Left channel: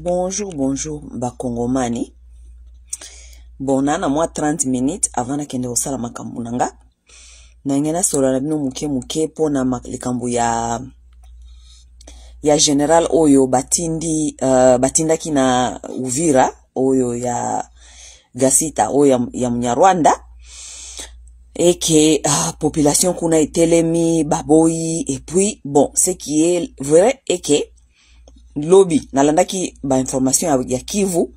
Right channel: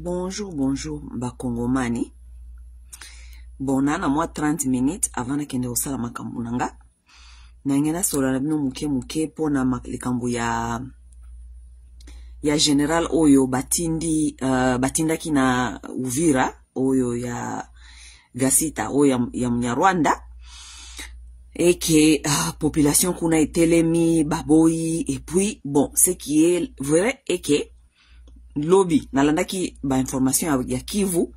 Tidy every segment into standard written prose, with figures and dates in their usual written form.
Bonjour, bonjour, Bakongomani. Bon, nana moi 30 minutes avant na kende osala makambo nanga. Na ngena sola na bino muke pona likambo ya general oyo batindaki na Uvira oyo ya Gasita oyo ya Mnyarwanda. Et que population kuna etelemi baboyi et puis bon, ce qui est vrai est que lobby nalandaki ba information ya Kivu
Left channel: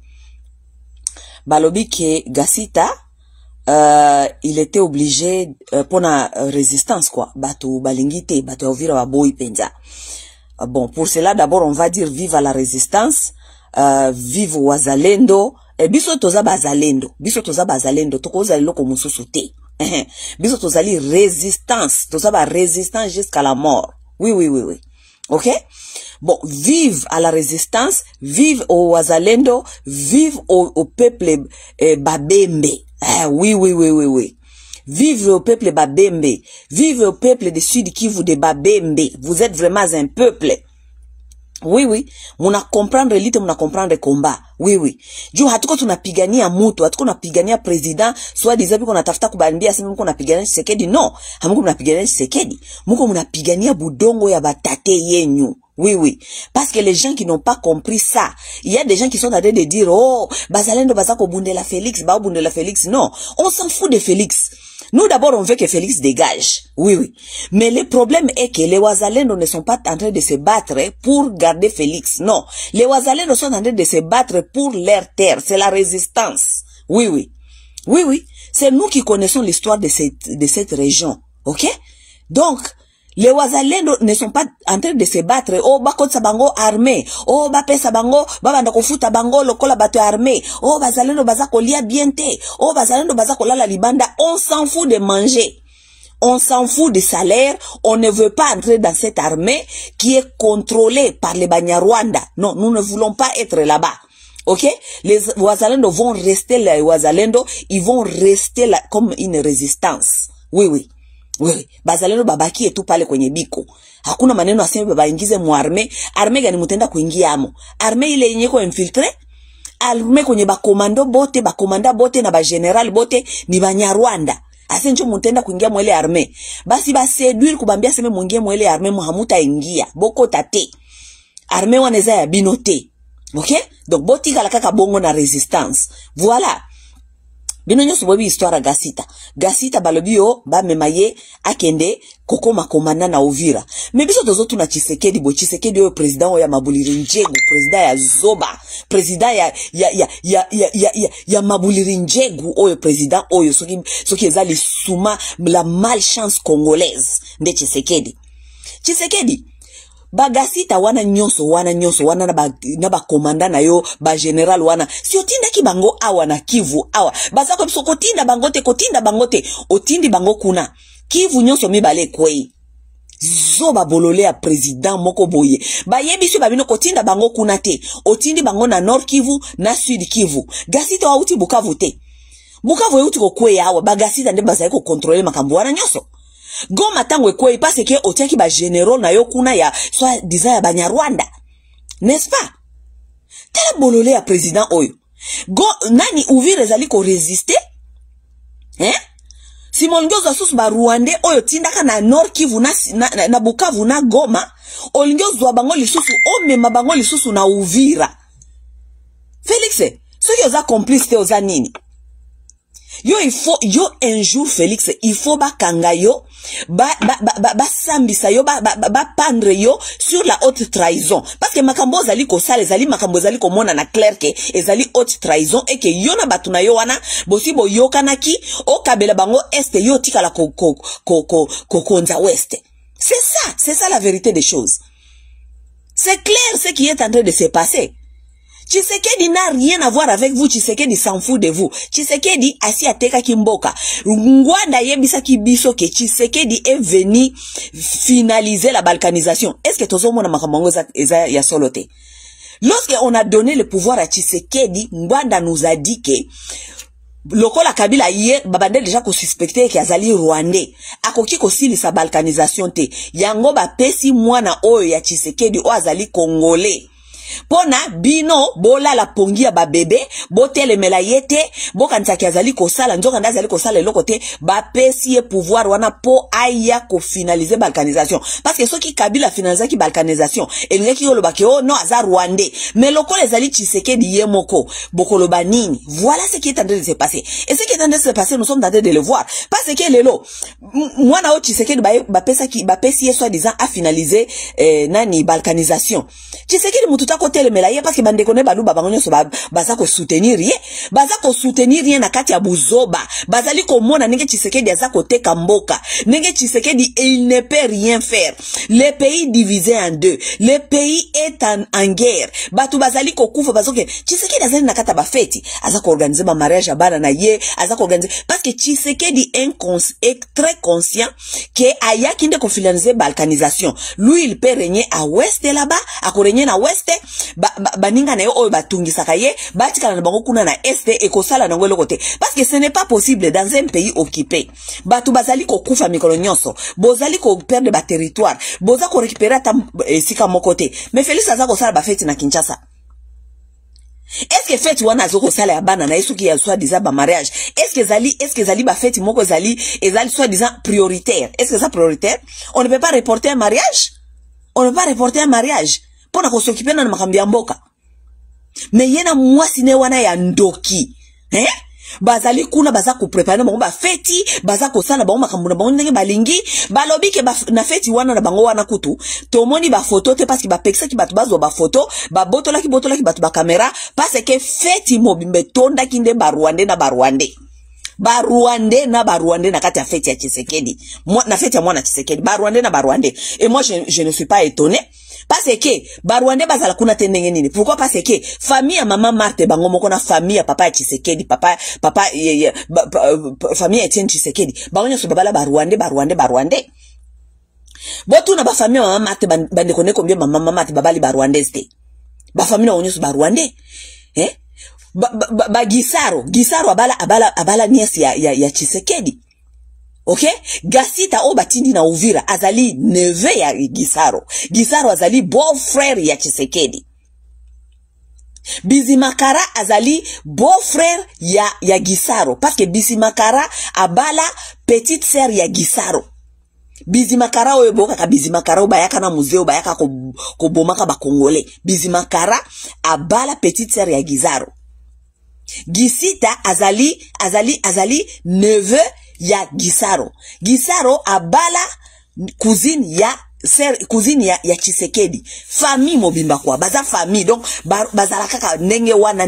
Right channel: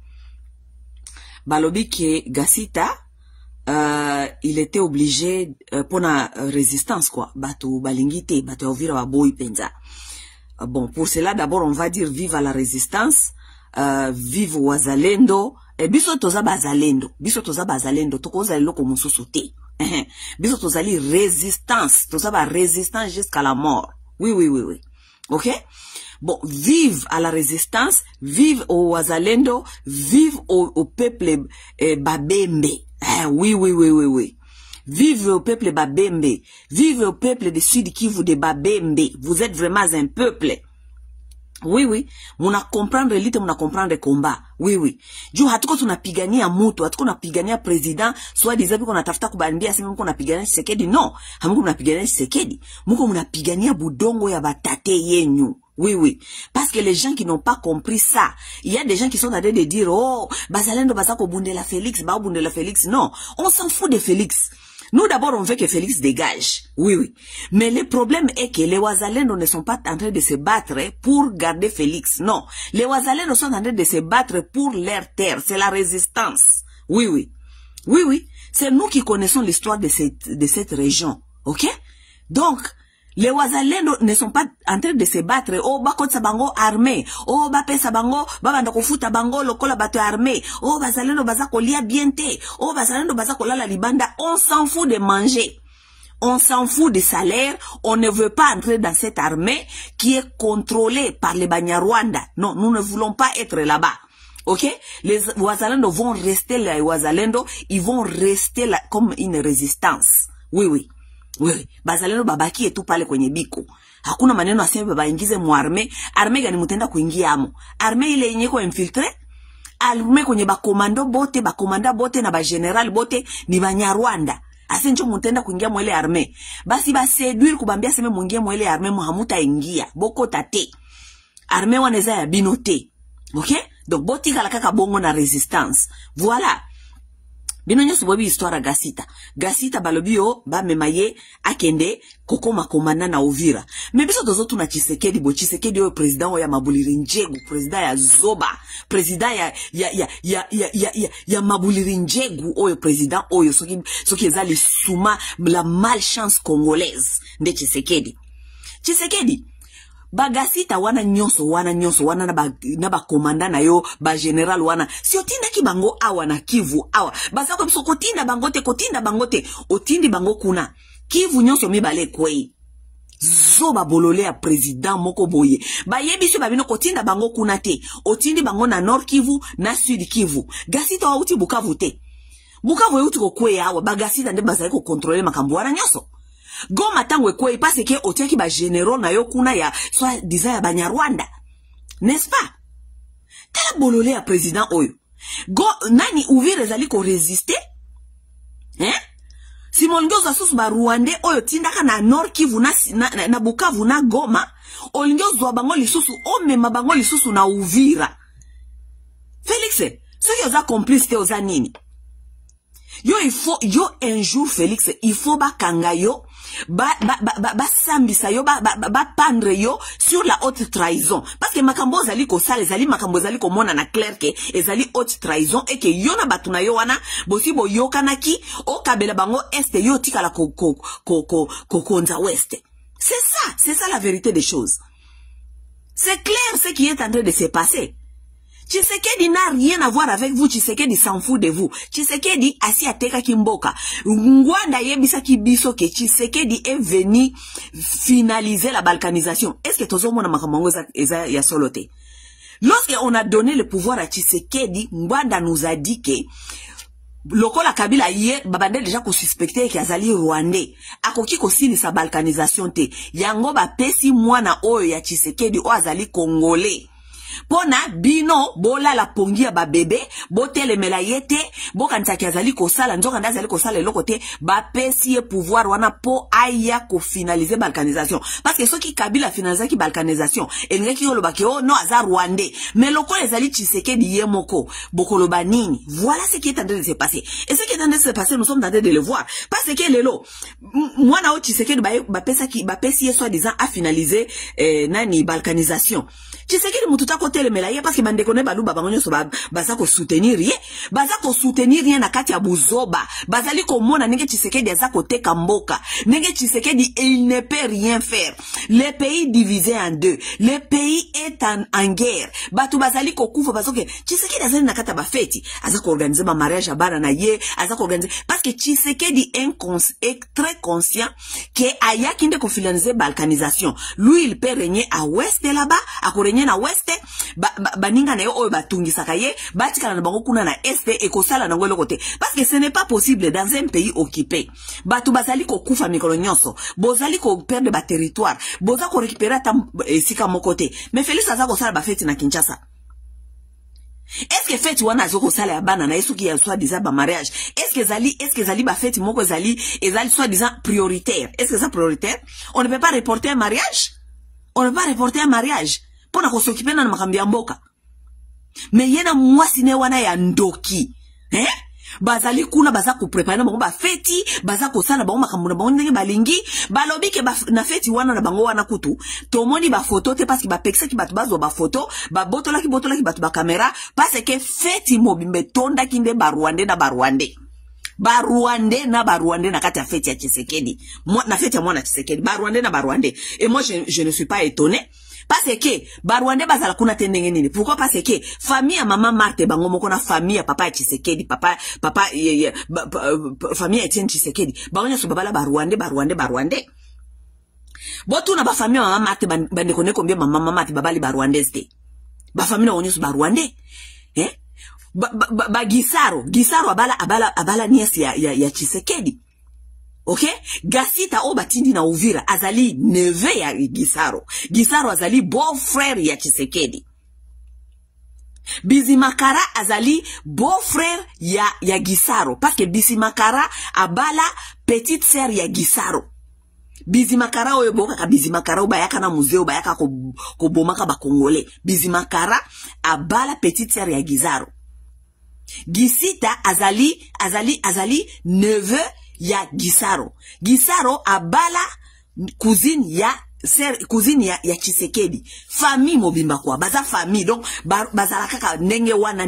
balobi ke Gasita il était obligé pour la résistance quoi bato balingite bato Uvira baboyi penza. Bon, pour cela d'abord on va dire vive à la résistance, vive wazalendo et biso toza bazalendo tokoza loko mususu te. Biso tozali résistance, toza ba résistance jusqu'à la mort. Oui. OK? Bon, vive à la résistance, vive au wazalendo, vive au peuple babembe. Oui. Vive au peuple babembe, vive au peuple de Sud Kivu de babembe. Vous êtes vraiment un peuple. Oui. Muna comprendre l'élite, muna comprendre combat. Oui. Juu hatuko tunapigania mtu, hatuko tunapigania president, soit disant qu'on atafuta kubambia sema mko napigania Tshisekedi. Non, hamuko mnapigania Tshisekedi. Mko mnapigania budongo ya batate yenyu. Oui. Parce que les gens qui n'ont pas compris ça, il y a des gens qui sont en train de dire, oh, bazalendo bazako bundela Félix, ba bundela Félix. Non, on s'en fout de Félix. Nous d'abord on veut que Félix dégage. Oui. Mais le problème est que les Wazalendo ne sont pas en train de se battre pour garder Félix. Non. Les Wazalendo sont en train de se battre pour leur terre. C'est la résistance. Oui. C'est nous qui connaissons l'histoire de cette région. OK? Donc, les Wazalendo ne sont pas en train de se battre. Oh, bakotsa bango armé. Oh, bapesa bango, babanda kofuta bango lokola bato armé. Oh, bazalendo bazako lia biente. Oh, bazalendo bazako lala libanda. On s'en fout de manger. On s'en fout de salaire. On ne veut pas entrer dans cette armée qui est contrôlée par les Banyarwanda. Non, nous ne voulons pas être là-bas. OK? Les Wazalendo vont rester là. Les Wazalendo, ils vont rester là comme une résistance. Oui. Bazalendo babaki etu pale kwenye biko. Hakuna maneno aseme baba ingize mu arme gani mutenda kuingia amo. Arme ile yenye ko infiltre. Arme kwenye bakomanda bote na ba general bote ni Banyarwanda. Asenjo mutenda kuingia mu ile arme. Basi ba seduire kubambia seme muingie mu ile arme muhamuta ingia. Boko tate. Arme waneza ya binote. OK? Donc boti kala kaka bongo na résistance. Voilà. Bino nyoso bobi histoire Gasita balobio ba memaye akende kokoma komanda na Uvira. Mais biso tozo tuna Tshisekedi oyo président ya Mabuliri Njegu, président ya Zoba, président ya Mabuliri Njegu oyo président oyo soki ezali suma la malchance congolaise nde Tshisekedi. Bagasita wana nyonso wana na ba komanda na yo ba general wana si otinda ki bango awa na Kivu awa bazako biso kotinda bangote otindi bango kuna Kivu nyonso mibale kwei zoba bolole ya president moko boye bayebiso babino kotinda bango kuna te otindi bango na Nord Kivu na Sud Kivu. Gasita wauti Bukavu te Bukavu yuti ko kwei awa bagasita nde bazali ko contrôler makambo wana nyonso. Goma tango ekwe parce que otiaki ba généraux na yo kuna ya soit disant ya Banyarwanda. N'est-ce pas? Tele bolole ya président oyo. Nani Uvira ezali ko résister? Simon Ngioza susu ba Rwandais oyo tindaka na Nord Kivu na Bukavu na Goma, olingiozo bango lisusu omema bango lisusu na Uvira. Félix, soki oza complice te oza nini? Yo un jour Félix, il faut bakanga yo sambisa yo pendre yo sur la haute trahison parce que makambo zali ko sala zali makambo zali ko mona na clair que ezali haute trahison et que yo na batuna yo wana bosibo yo kanaki o kabela bango est yo tikala konza ouest. C'est ça la vérité des choses. C'est clair ce qui est en train de se passer. Tshisekedi n'a rien à voir avec vous. Tshisekedi s'en fout de vous. Tshisekedi asi ateka kimboka. Ngwanda yebisa kibiso ke Tshisekedi est venu finaliser la balkanisation. Est-ce que tozo mona makamango eza ya solote? Lorsque on a donné le pouvoir à Tshisekedi, Ngwanda nous a dit que lokola Kabila ye babande déjà ko suspecter ki azali Rwandais akoki ko sili sa balkanisation te yango ba pesi mwana oyo ya Tshisekedi o azali Congolais pona bino bola la pongia ba bébé botele melayete bokanisaki azali kosala nzoka nda azali kosala eloko te bapesi ye pouvoir wana po aya ko finaliser balkanisation parce que soki Kabila finalizaki balkanisation elingaki yoloba ke oh non aza rwandais mais lokola ezali Tshisekedi ye moko bokoloba nini. Voilà ce qui est en train de se passer et ce qui est en train de se passer nous sommes en train de le voir parce que lelo mwana o Tshisekedi bapesi ye soi-disant a finaliser nani balkanisation. Tshisekedi mututa kote le melaye parce que bandeko ne baluba bango nyonso baza ko soutenir ye na kati ya buzoba bazali ko mona ndenge Tshisekedi aza koteka mboka ndenge Tshisekedi il ne peut rien faire. Le pays divisé en deux, le pays est en guerre, batu bazali ko kufa bazoke Tshisekedi azali na kata ba feti aza ko organiser ma mariage abana na ye aza ko organiser parce que Tshisekedi est très conscient que aya kinde ko finaliser balkanisation lui il peut régner à ouest là-bas a ko régner na ouest baninga na yo oyo batungisaka ye batikala na bango kuna na est et ko sala na ngwelo côté parce que ce n'est pas possible dans un pays occupé batu bazali ko kufa mikolo nyonso bozali ko perdre ba territoire boza ko récupérer ta sika mokote mais Félix aza ko sala ba fête na Kinshasa. Est-ce que fête wana azoko sala ya bana na yesu ki ya soit disant ba mariage est-ce que zali ba fête moko ezali soit disant prioritaire? Est-ce que ça prioritaire? On ne peut pas reporter un mariage pour na s'occuper na makambi ya mboka. Mais yena mwasi ne wana ya ndoki bazali kuna baza ko préparer na bango ba feti baza ko sala bango makambo na bango ndenge balingi balobi ke na feti wana na bango wana kutu tomoni ba photo te parce que ba pekisa ki batu bazo ba photo ba botola ki batu ba caméra parce que feti mobimbe tonda kinde ba Rwandais na Rwandais na kati ya feti ya Tshisekedi na feti ya mwana Tshisekedi ba Rwandais et moi je ne suis pas étonné parce que Rwandais bazala kuna tendenge nini. Pourquoi? Parce que famille ya mama Marthe bango moko na famille ya papa ya Tshisekedi famille ya Etienne Tshisekedi bango nyoso babala Rwandais botu na ba famille ya mama Marthe bande kone combien mama Marthe babali Rwandais te ba famille na onyoso Rwandais Gisaro abala niasi ya Tshisekedi. Ok? Gasita o batindi na Uvira azali neve ya Gisaro azali beau-frère ya Tshisekedi. Bizimakara azali beau-frère ya Gisaro parce que Bizimakara abala petite sœur ya Gisaro. Bizimakara oyo boka ka Bizimakara bayaka na museo bayaka ko bomaka ba Congolais. Bizimakara abala petite sœur ya Gisaro. Gisita azali neveu ya Gisaro abala cousine ya Tshisekedi. Famille mobimba kwa baza famille donc bazala kaka ndenge wana.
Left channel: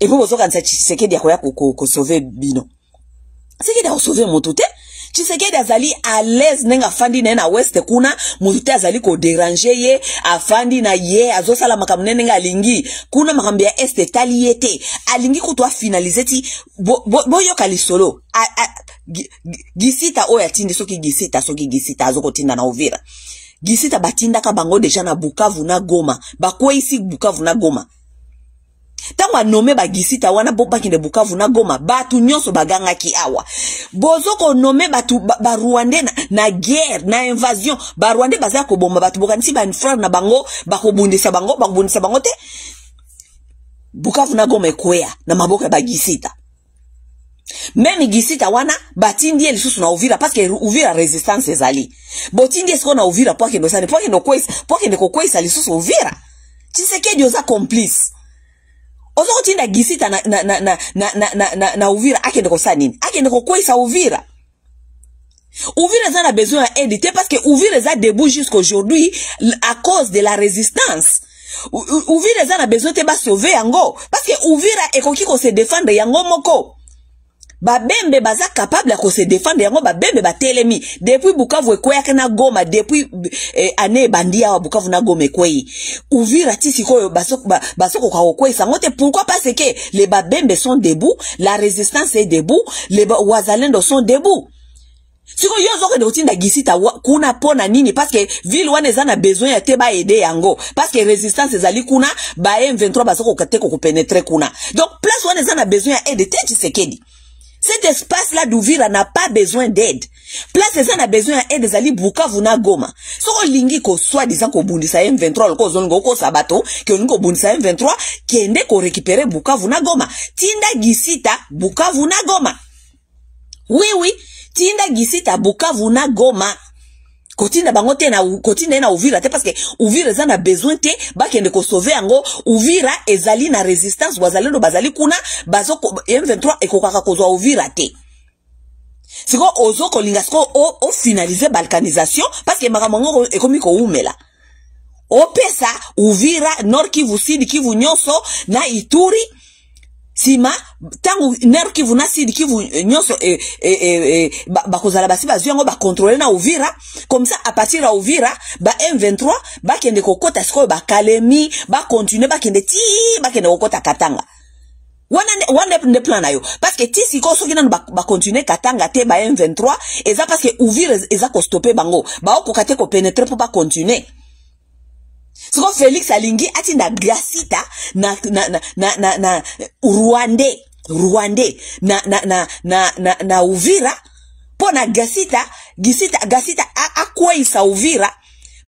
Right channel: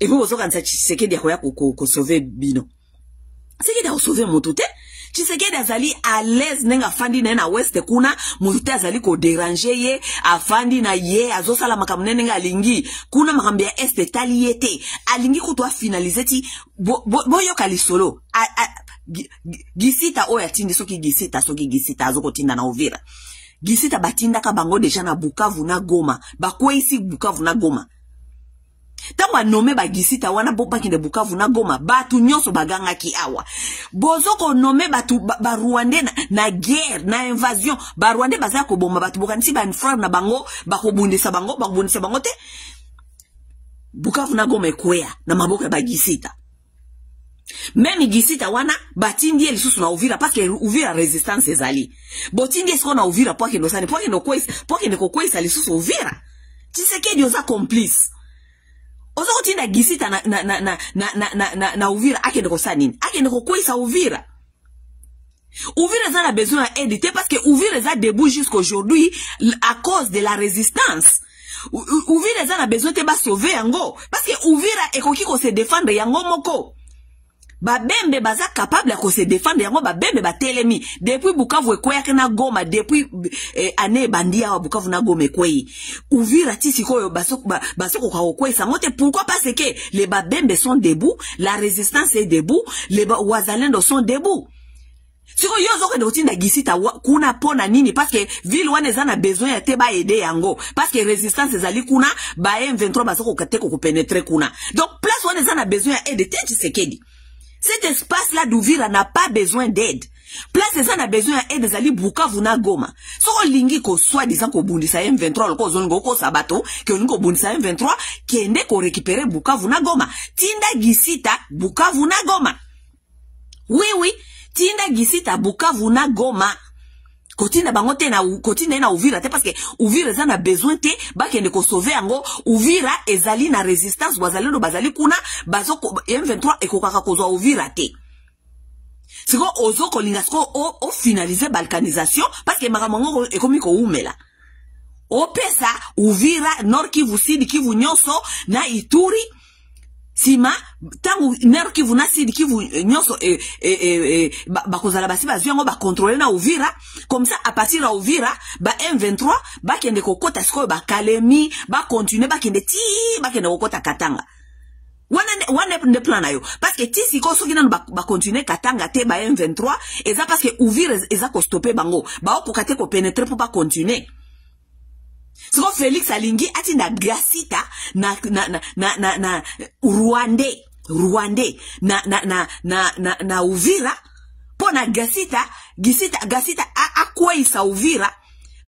Et puis bozoka nsa Tshisekedi akoya ko sauver bino. Tshisekedi a sauver motute. Tshisekedi azali à l'aise nenga afandi na west kuna mutute azali ko déranger ye afandi na ye azosala makamne nenga alingi kuna makambi ya est taliete alingi kutwa finaliser ti boyo kalisolo Gisita oya tindi soki Gisita azoko tinda na Uvira Gisita batinda ka bango deja na Bukavu na Goma bakwe isi Bukavu na Goma tango anome ba Gisita wana bokinde Bukavu na Goma batu nyonso baganga ki awa bozoko nome batu ba Rwandais na guerre na invasion ba Rwandais baza ko bomba batu bokanisi ba frère na bango bakobundisa bango te Bukavu na Goma ekwea na maboka ba Gisita. Même Gisita wana batindi ye lisusu na Uvira parce que Uvira résistance ezali botindi esko na Uvira po ke no kwesa lisusu Uvira Tshisekedi oza complice oza kotinda Gisita na Uvira akende kosa nini akende kokwesa Uvira za na besoin d'aide parce que Uvira za debout jusqu'aujourd'hui à cause de la résistance. Uvira za na besoin te ba sauver yango parce que Uvira ekoki ko se défendre yango moko. Babembe baza capable ko se défendre yango babembe batelemi depuis Bukavu ekweya na Goma depuis année bandia wa Bukavu na Goma ekweyi Uvira tisi koyo basoko ka okwesa ngote. Pourquoi? Parce que les babembe sont debout, la résistance est debout, les wazalendo sont debout. Siko yozo ke dotinda Gisita kuna pona nini parce que ville wana za na besoin ya te ba aider yango parce que résistance ezali kuna ba M23 basoko kateko ko pénétrer kuna donc place wana za na besoin ya aide te Tshisekedi Cet espace-là d'Uvira n'a pas besoin d'aide. Place ça n'a besoin d'aide zali Bukavu na Goma. So lingi ko soi-disant ko bundisa M23 ko zongo ko sabato ke lingo bundisa M23 kende ko récupérer Bukavu na Goma. Tinda gisita Bukavu na Goma. Oui, tinda gisita Bukavu na Goma. Kotinda bangote na kotinda na Uvira te parce que Uvira za na besoin te ba kende ko sauver ango Uvira ezali na resistance wazalendo bazali kuna bazoko M23 ekokaka kozwa Uvira te. Siko ozoko lingasko o finaliser balkanisation parce que makamongo ekomi ko umela. Opesa Uvira Nord Kivu Sud Kivu nyonso na Ituri sima tangu Nord Kivu na Sud Kivu nyonso bakozala basi bazyango ba contrôler na Uvira comme ça à partir de Uvira ba M23 ba kende kokota siko ba Kalemi ba continuer ba kende kokota Katanga. Wana ne plan na yo parce que ti siko soki na ba continuer Katanga te ba M23 eza parce que Uvira eza ko stopper bango ba okokate ko pénétrer pour pas continuer. Siko Félix Alingi ati na Gasita na Rwandais na Uvira po na Gasita akwa isa Uvira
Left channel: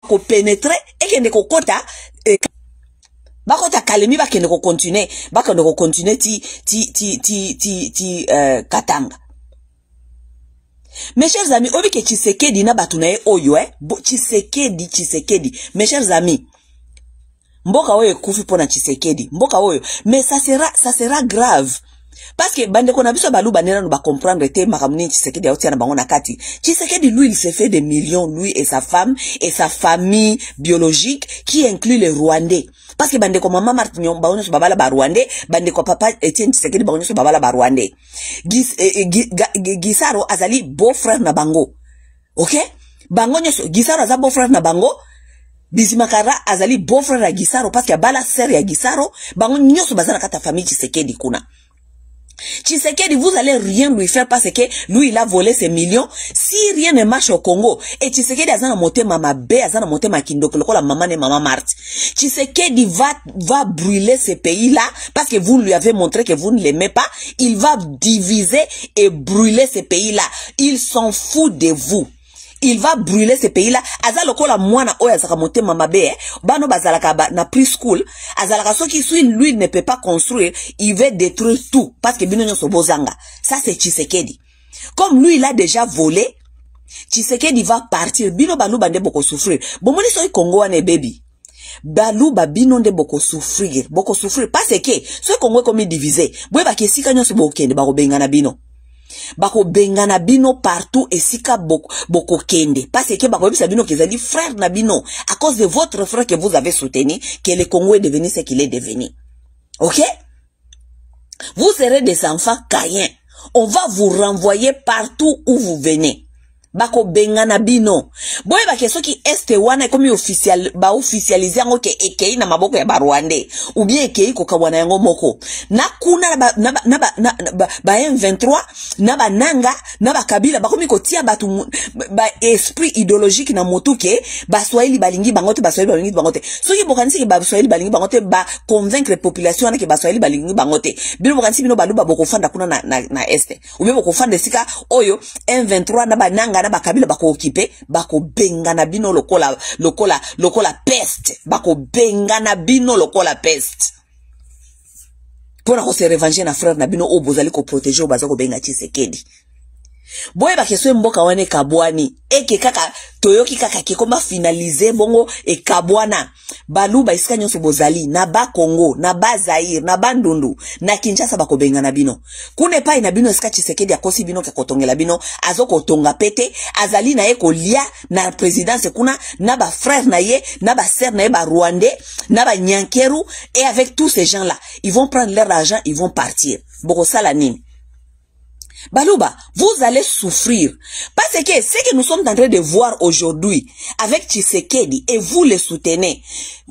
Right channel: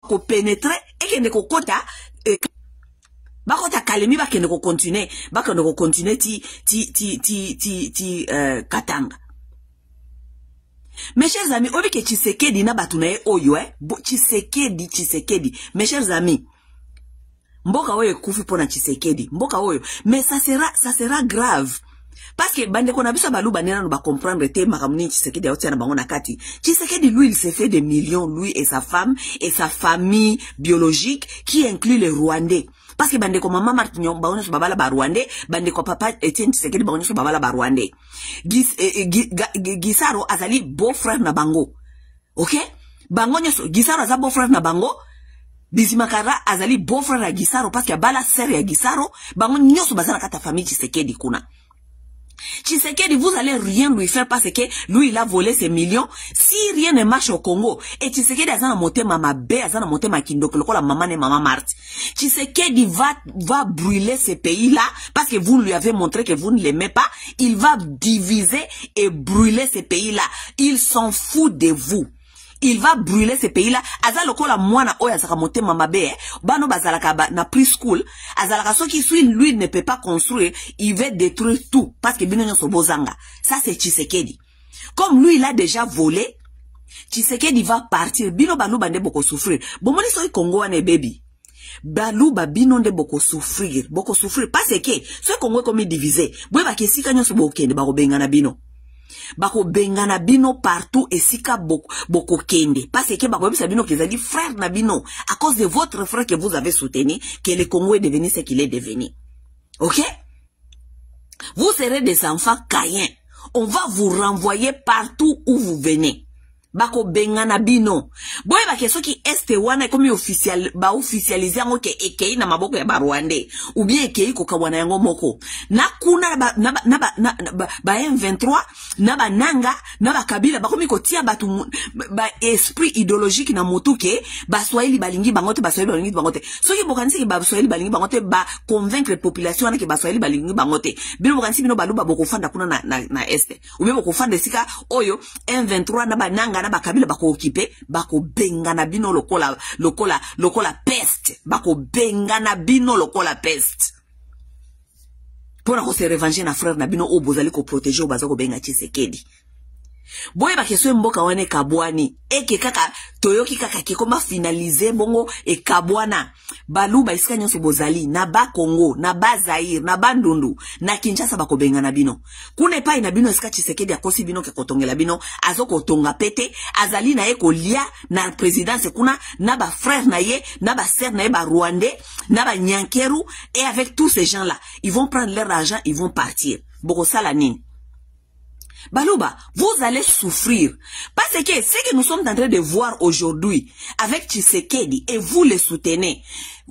ko pénétrer et kende ko kota bakota Kalemi bakende ko continuer ti Katanga. Mes chers amis, obi ke Tshisekedi na batunaye oyo Tshisekedi mes chers amis, mboka oyo kufi pona Tshisekedi mboka oyo, mais ça sera grave parce que bande ko na biso baluba nena no ba comprendre te makamuni Tshisekedi autia na bango na kati. Tshisekedi lui il s'est fait des millions, lui et sa femme et sa famille biologique qui inclut les Rwandais. Parce que bande ko mama Martinyon baonyo so babala ba Rwandais, bande ko papa Etienne Tshisekedi baonyo so babala ba Rwandais. Gisaro azali beau-frère na bango. OK? Bango nyoso Gisaro aza beau-frère na bango. Bizimakara azali beau-frère ya Gisaro parce que bala sœur ya Gisaro, bango nyoso bazana kata famille Tshisekedi kuna. Tshisekedi, vous allez rien lui faire parce que lui il a volé ses millions. Si rien ne marche au Congo, et Tshisekedi azana moté mama be, azana moté makindoko loko la maman et maman Marthe. Tshisekedi va brûler ces pays-là parce que vous lui avez montré que vous ne l'aimez pas. Il va diviser et brûler ces pays-là. Il s'en fout de vous. Il va brûler ces pays-là. Azaloko la mwana oya zaka monte mamabe, bano bazalaka na preschool, azalaka soki lui ne peut pas construire, il va détruire tout parce que bino nyoso bozanga. Ça c'est Tshisekedi. Comme lui il a déjà volé, Tshisekedi va partir. Bino balu bande boko souffrir. Bomoni soy Congo wane baby. Balu babino nde boko souffrir parce que ce Congo comme divisé. Boye ba kesika nyoso bokende ba bengana bino. Bako bengana bino partout et sika boko kende parce que bako bisa bino kezali frère na bino à cause de votre frère que vous avez soutenu que le Congo est devenu ce qu'il est devenu. OK? Vous serez des enfants caïens. On va vous renvoyer partout où vous venez. Bako bengana bino. Boye ba keso ki este wana comme officialiser ngo ke ekei na maboko ya Rwandais ou bien ekei ko kawana yango moko. Na kuna ba M23 na ba nanga na ba kabila bakomi ko tia batu ba esprit idéologique na motu ke ba Swahili balingi bangote ba Swahili balingi bangote. Soki bokanisi ke ba Swahili balingi bangote ba convaincre population na ke ba Swahili balingi bangote. Bino bokanisi bino baluba boko fanda kuna na este. Ou bien boko fanda sika oyo M23 na ba nanga na bakabila bako occupé bako bengana bino lokola peste bako bengana bino lokola peste pour ko se revenger na frère na bino o bozali ko protéger o bazako benga Tshisekedi. Boye ba keso mboka wane kabwani eke kaka toyoki kaka ke koma finaliser bongo e kabwana baluba isika nyonso bozali na ba Congo na ba Zaire na Bandundu na Kinshasa bako bengana bino kune pa ina bino isika Tshisekedi akosi bino ke kotongela bino azoko tonga pete azali na ye ko lia na présidence kuna na ba frère na ye na ba sœur na ye ba Rwandais na ba Nyankeru et avec tous ces gens là ils vont prendre leur argent ils vont partir boko sala nini. Baluba, vous allez souffrir. Parce que ce que nous sommes en train de voir aujourd'hui avec Tshisekedi et vous les soutenez.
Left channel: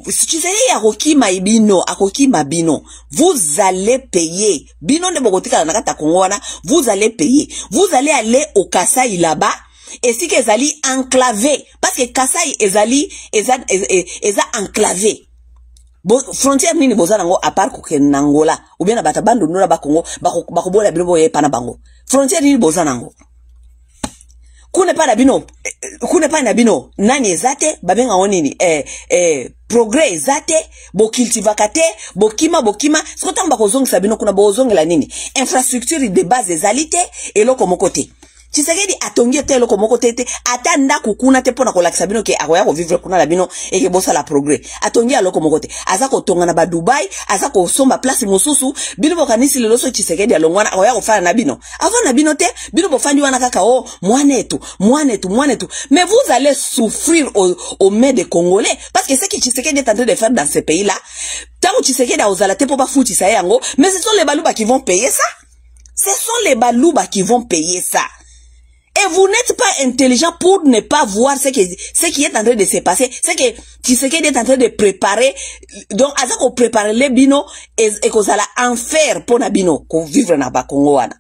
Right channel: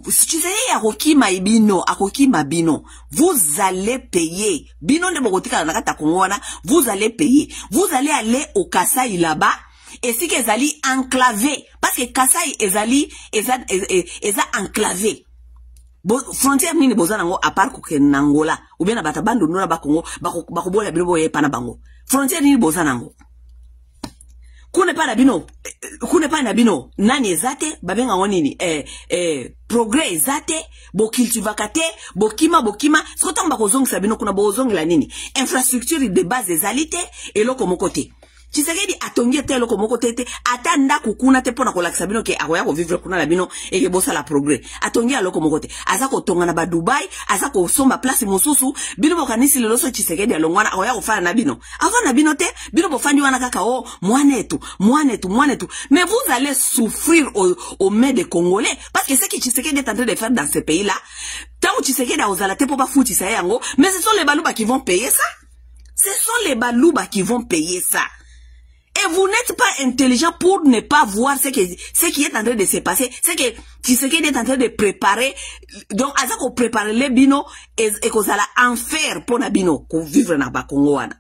Tshisekedi akokima ibino, akokima bino. Vous allez payer. Bino de Bogotika nakata Kongoana, vous allez payer. Vous allez aller au Kasai là-bas. Et si que zali enclavé. Parce que Kasai ezali enclavé. Frontière nini bozana ngo à part ko Angola ou bien na bata bandu nula ba Congo ba ko bola bilo boye pana bango. frontière ni bozanango kune pa na bino nani ezate babenga onini progrès ezate bo cultivakate bokima sikota mba kozongisa bino kuna bozongela nini infrastructure de base ezalite eloko mokote Tshisekedi atongi te eloko mokote te atanda kukuna te pona kolakisa bino ke akoya ko vivre kuna la bino eke bosa la progrès atongi eloko mokote azako tonga na ba Dubai azako somba place mosusu bino bokanisi lelo so Tshisekedi alongwana akoya ko fana na bino avant na bino te bino bofandi wana kaka oh mwanetu mais vous allez souffrir au mains des Congolais parce que ce que Tshisekedi est en train de faire dans ce pays là tant que Tshisekedi a osala te po ba futi sa yango mais ce sont les baluba qui vont payer ça Et vous n'êtes pas intelligent pour ne pas voir ce qui est en train de se passer. C'est que Tshisekedi est en train de préparer. Donc, à ça qu'on prépare les bino et qu'on s'alla en faire pour na bino qu'on vivre na ba Congo wana.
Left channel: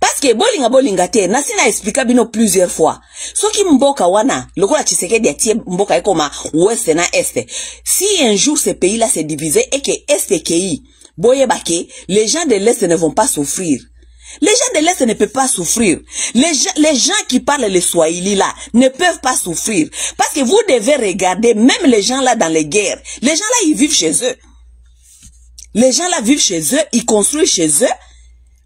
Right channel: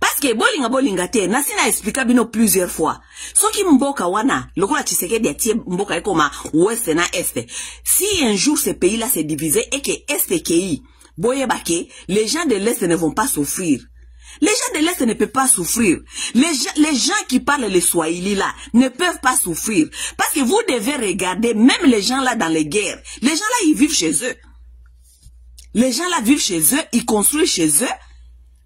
Parce que bolinga te nasina expliquer bino plusieurs fois. Soki mboka wana lokola Tshisekedi atie mboka ekoma ouest na est. Si un jour ce pays là s'est divisé et que est et ki boye bake, les gens de l'est ne vont pas souffrir. Les gens de l'Est ne peuvent pas souffrir. Les gens qui parlent le Swahili là ne peuvent pas souffrir. Parce que vous devez regarder, même les gens là dans les guerres, les gens là ils vivent chez eux. Les gens là vivent chez eux, ils construisent chez eux.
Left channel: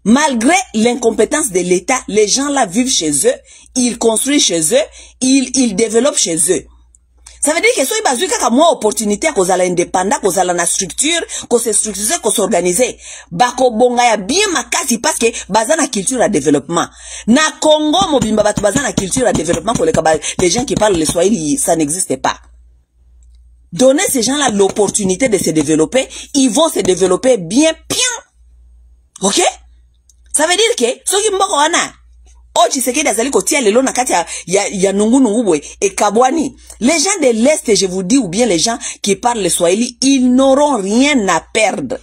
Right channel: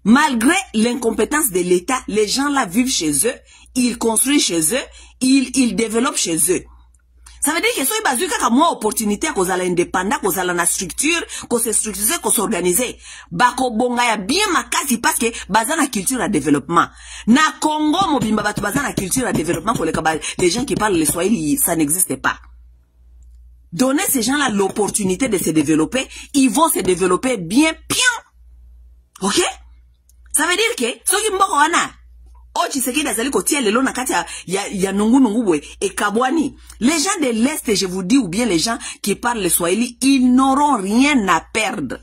Malgré l'incompétence de l'État, les gens là vivent chez eux, ils construisent chez eux, ils développent chez eux. Ça veut dire que soit basé kaka moi opportunité qu'on a indépendant, qu'on a la structure, qu'on se structure, qu'on s'organise. Bako bonga ya bien makasi parce que bazana na culture à développement. Na Congo mobimba batu bazana na culture à développement pour les gens qui parlent le Swahili, ça n'existe pas. Donnez ces gens-là l'opportunité de se développer, ils vont se développer bien. OK? Ça veut dire que ceux qui mboko wana oh Tshisekedi azali kotia lelo na kati ya nungu et kabwani. Les gens de l'Est, je vous dis, ou bien les gens qui parlent le Swahili, ils n'auront rien à perdre.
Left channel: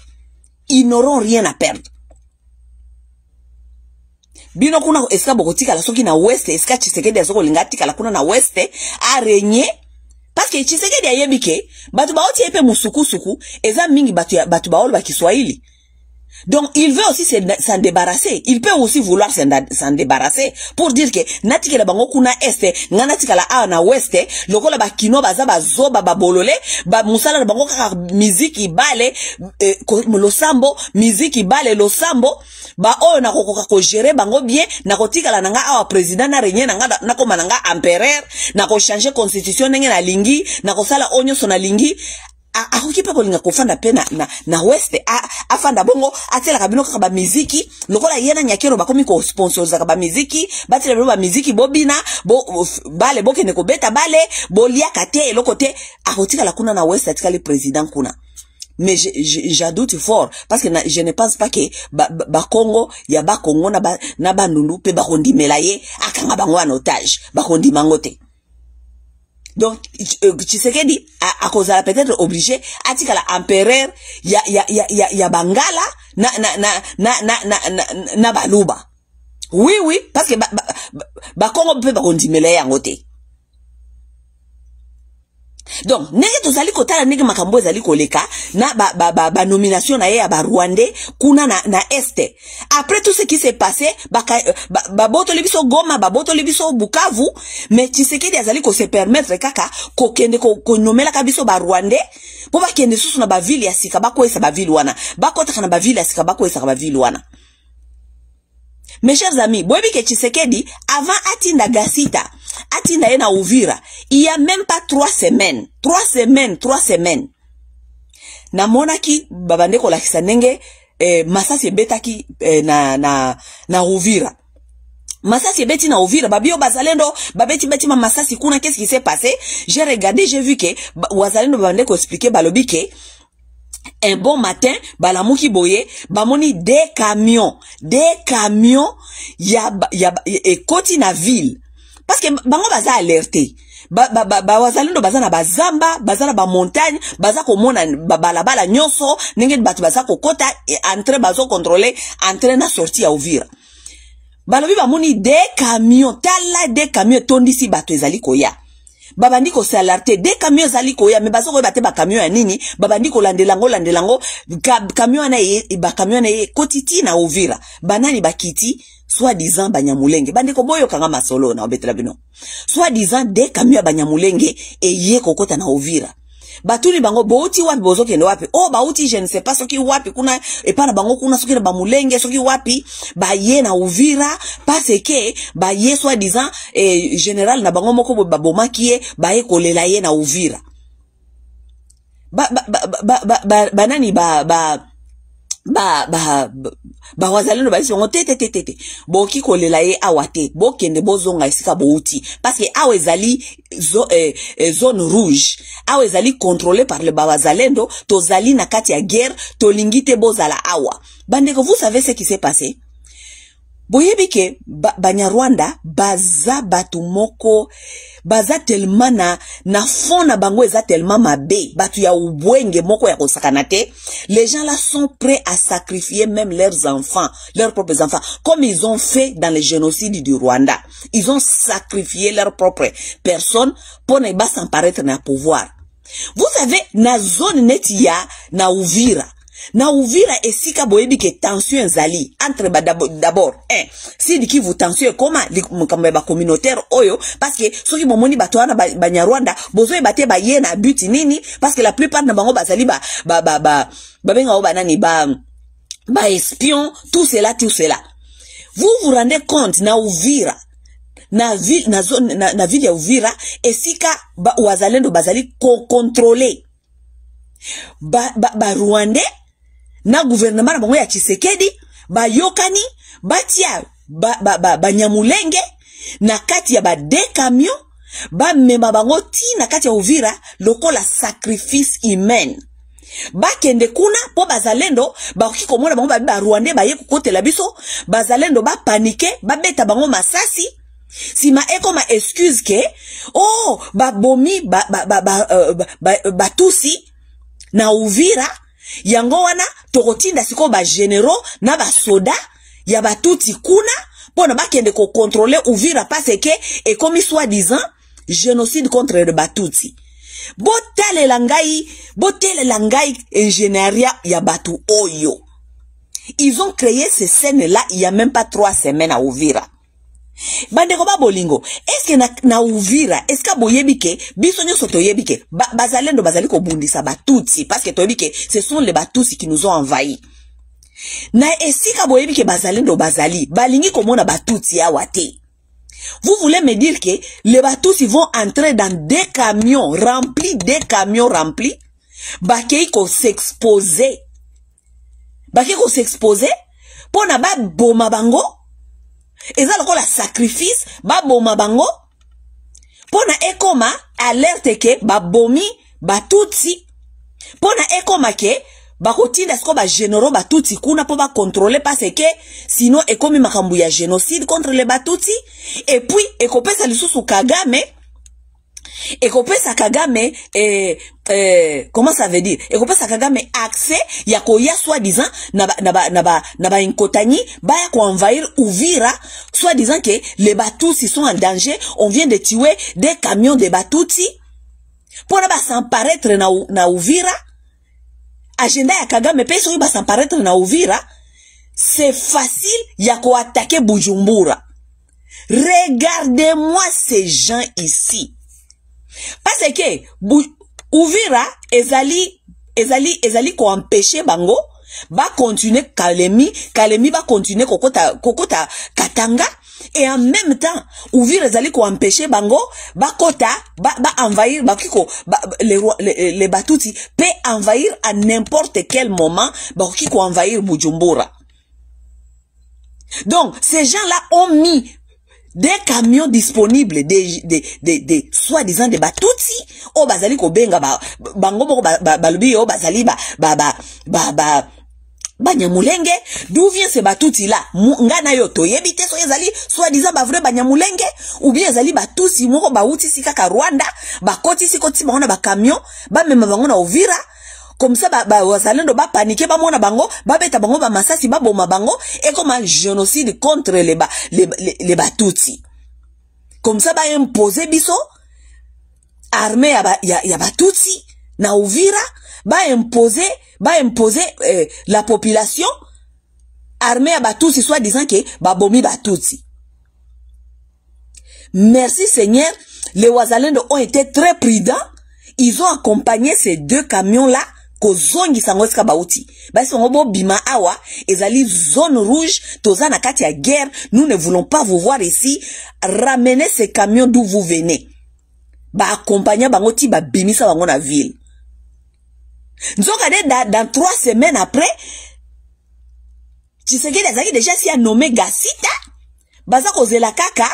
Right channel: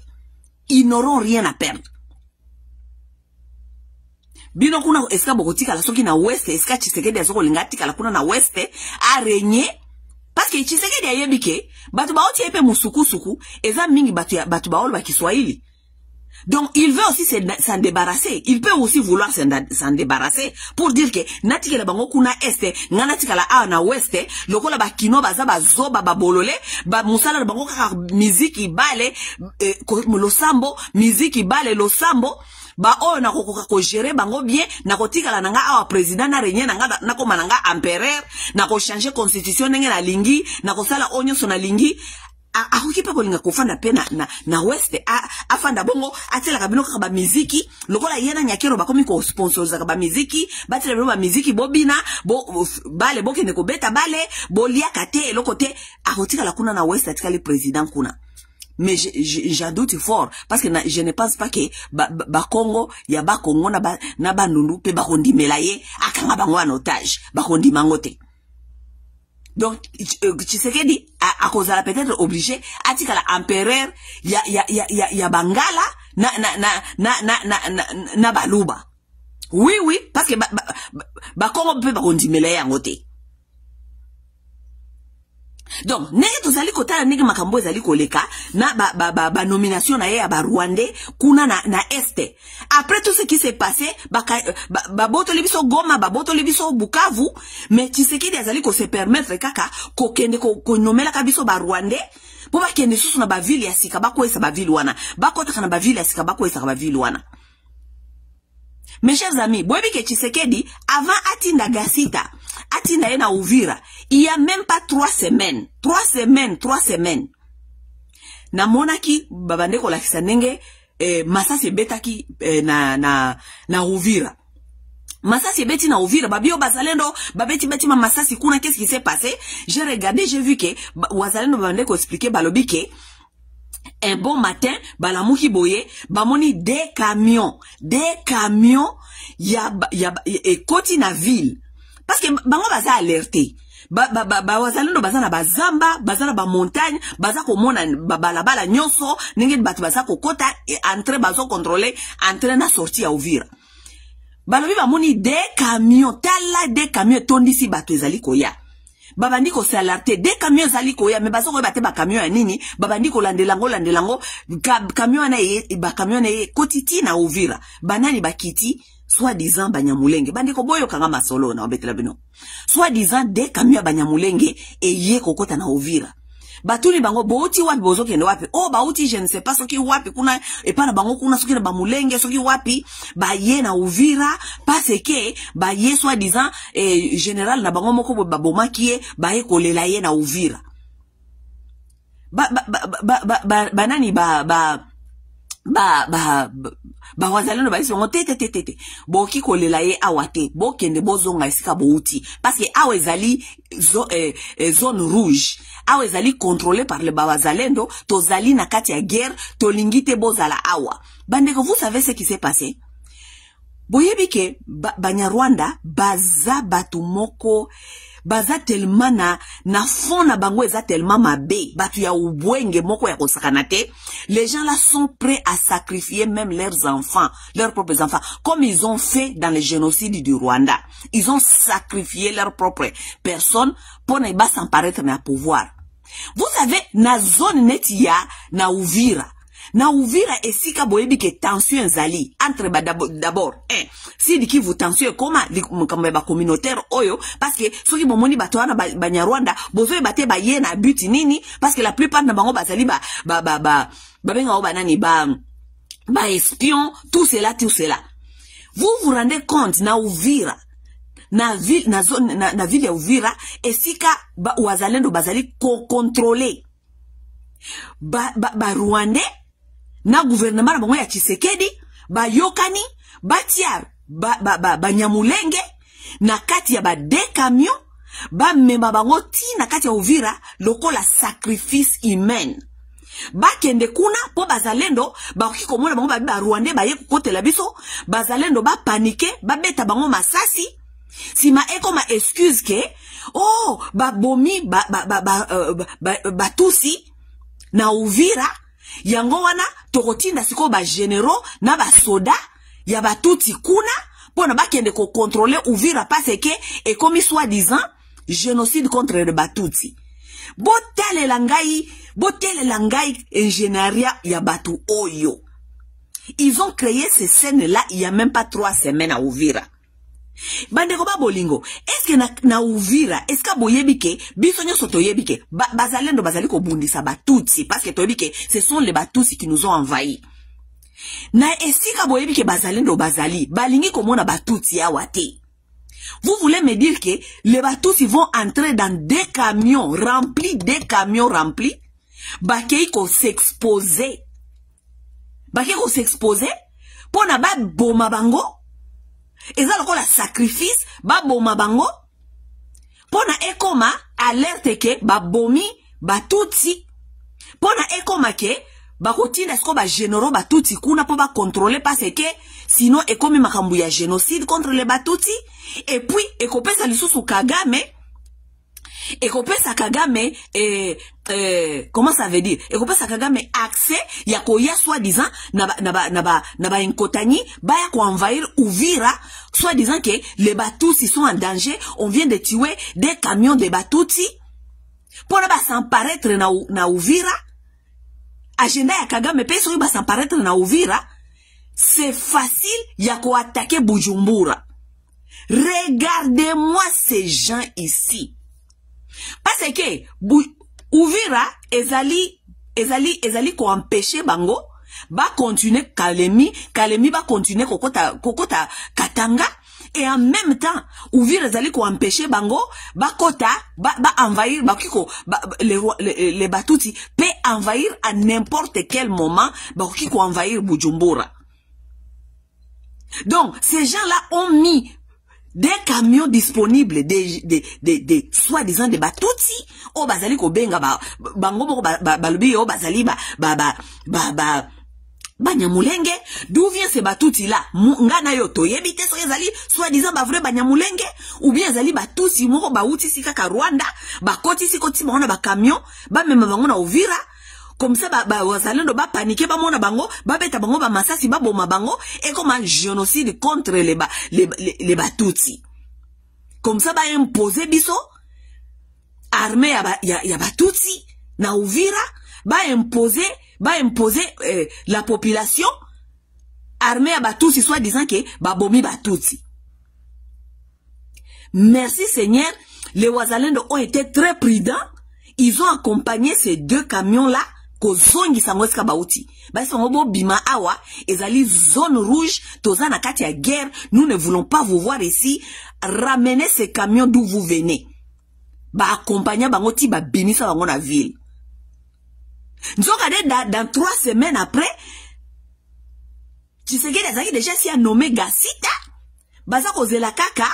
Bino kuna eska bokotika la soki na West, eska Tshisekedi azoko lingatika la kuna na West a régner parce que Tshisekedi ayebike batu baoti epe musuku eza mingi batu baolo ba Kiswahili. Donc, il veut aussi s'en débarrasser. Il peut aussi vouloir s'en débarrasser pour dire que natike la bango kuna este, nganatika la a na weste, loko la ba kino baza ba zoba ba bolole, ba musala la bango kaka miziki bale, lo sambo, miziki bale lo sambo, ba o na ko gérer bango bien, na ko tika la nanga a président na renye nanga na ko mananga empereur, na ko changer constitution nenge na lingi, na ko sala onyo so na lingi. Akokipa kolinga kofanda pe na west afanda bongo atela kabino kaka ba miziki lokola yena nyakero bakomi ko sponsoriza ka ba miziki batela ba miziki bobina bale bokene ko beta bale bolia kate lokote akotika la kuna na west atika le président kuna. Mais j'adoute fort parce que je ne pense pas que ba Congo ya ba Congo na ba nundu pe ba kondimela ye akanga bango en otage ba kondimangote. Donc, Tshisekedi a cause peut-être obligé à tika la empereur ya bangala na baluba. Oui, parce que ba Congo peut pas continuer à ngote. Donc, nege tozali kotala nege makambo ezali koleka na ba nomination na ye ya ba Rwandais kuna na este. Après tout ce qui s'est passé, ba boto lebiso Goma, ba boto lebiso Bukavu, mais Tshisekedi azali ko se permettre kaka ko kende ko nomela kabiso ba Rwandais po ba kende susu na ba ville ya sika ba ko esa ba ville wana. Ba kota kana ba ville ya sika ba ko esa ba ville wana. Mes chers amis, boyebi ke Tshisekedi avant atinda Gasita, atinda ena Uvira, il y a même pas 3 semaines. Na monaki babande ko lakisa nenge masasi betaki na Uvira. Masasi beti na Uvira, babio bazalendo, babeti ma masasi kuna, qu'est-ce qui s'est passé? J'ai regardé, j'ai vu que wazalendo babande ko expliquer balobi ke un bon matin, balamuki boye, bamoni des camions, et koti na ville. Parce que bango baza alerté. Wazalendo baza na bazamba, baza na ba montagne, baza ko mona balabala nyonso, ninge batu baza ko kota et entrer bazo contrôler, entrer na sortie à Uvira. Balobi bamoni des camions, tala des camions tondisi batu ezali koya. babandi ko s'alerter des camions zali ko ya me bazo ko bate ba camion ya nini babandi ko landelango camion na ye ba camion na ye kotiti na Uvira banani bakiti soi-disant banyamulenge bandi ko boyo kanga masolo na obetela bino soi-disant des camions ya banyamulenge e ye kokota na Uvira batuni bango bouti wapi bozo kende wapi oh bauti je ne sais pas soki wapi kuna epana bango kuna soki na bamulenge soki wapi ba ye na Uvira parce que ba ye soi-disant général na bango moko babomaki ye ba ye kolela ye na Uvira banani wazalendo ba isi tete boki kolela ye awate bokende bozonga esika bouti parce que awe zali zone rouge awe zali contrôlé par le bawazalendo to zali na kati ya guerre to lingite bozala awa bandeko vous savez ce qui s'est passé boyebi ke Banyarwanda baza batu moko baza tellement na fond na bango eza tellement mabe batu ya ubwenge moko ya kosakana te les gens là sont prêts à sacrifier même leurs enfants leurs propres enfants comme ils ont fait dans le génocide du Rwanda ils ont sacrifié leurs propres personnes pour ne pas s'emparaître na pouvoir vous savez na zone neti ya na Uvira esika boyebi ke tension zali entre d'abord si diki vous tension koma likambe ba communautaire oyo parce que soki bomoni bato wana Banyarwanda bozo ebate ba ye na but nini parce que la plupart na bango bazali benga o banani ba espion tout cela vous vous rendez compte na Uvira na ville ya Uvira esika wazalendo bazali contrôler Rwandais na gouvernement na bango ya Tshisekedi bayokani batia banyamulenge na kati ya de camion mema bango ti na kati ya Uvira lokola sacrifice humain bakende kuna po bazalendo bakoki komona bango Rwandais baye kokotela biso bazalendo panike beta bango masasi sima ekoma excuse ke oh babomi batusi na Uvira yango wana tokotinda siko généraux na soda ya batuti kuna pona bakende ko contrôler Uvira parce que et comme soi-disant génocide contre le batuti botale langai ingénieria ya batu oyo ils ont créé ces scènes là il y a même pas 3 semaines à Uvira bandeko bolingo est-ce que na Uvira est-ce que boyebi ke biso nyoso toyebi ke bazalendo bazali ko bundisa batuti parce que toyebi ke ce sont les batusi qui nous ont envahis na esika boyebi ke bazalendo bazali balingi komona batuti awa te vous voulez me dire que les batusi vont entrer dans des camions remplis bakei ko s'exposer pona ba boma bango eza lokola sacrifice baboma bango pona ekoma alerte ke babomi batuti pona ekoma ke bakotinda siko généraux batuti kuna po contrôler parce que sinon ekomi makambu ya génocide contre les batuti et puis ekopesa lisusu Kagame comment ça veut dire ekopesa Kagame accès ya koya soi-disant na inkotani baya ko envahir Uvira soi-disant que les Batusi sont en danger on vient de tuer des camions de Batuti pour ba s'apparaître na Uvira agenda ya Kagame pe so ba s'apparaître na Uvira c'est facile ya ko attaquer Bujumbura regardez-moi ces gens ici parce que Uvira ezali ko empêcher bango ba continuer Kalemi ba continuer kokota Katanga et en même temps Uvira ezali ko empêcher bango ba envahir les batuti peut envahir à n'importe quel moment ba ko envahir Bujumbura. Donc ces gens-là ont mis des camions disponibles des soi-disant des batuti o bazali ko benga bango moko balobi o bazali banyamulenge d'où vient ces batuti là ngana yo toyebi te so ezali soi-disant ba vrai banyamulenge ou bien ezali batusi moko bauti sika ka Rwanda bakoti sikoti bango na ba camion ba mema bango na Uvira comme ça wazalendo paniquer mona bango beta bango masasi boma bango et comme un génocide contre les batuti comme ça imposer biso armée ya Batutsi na Uvira ba imposer la population armée ya Batutsi soit disant que ba bomi Batutsi. Merci Seigneur, les Wazalendo ont été très prudents. Ils ont accompagné ces deux camions-là kozongi sangoska bauti. Ba songobo bima awa, ezali zone rouge, tozana kati ya guerre, nous ne voulons pas vous voir ici. Ramenez ces camions d'où vous venez. Ba accompagner bangoti ba bimisa bango na ville. Nzokade dans 3 semaines après, Tshisekedi azali déjà si a nommé Gasita, baza kozela kaka,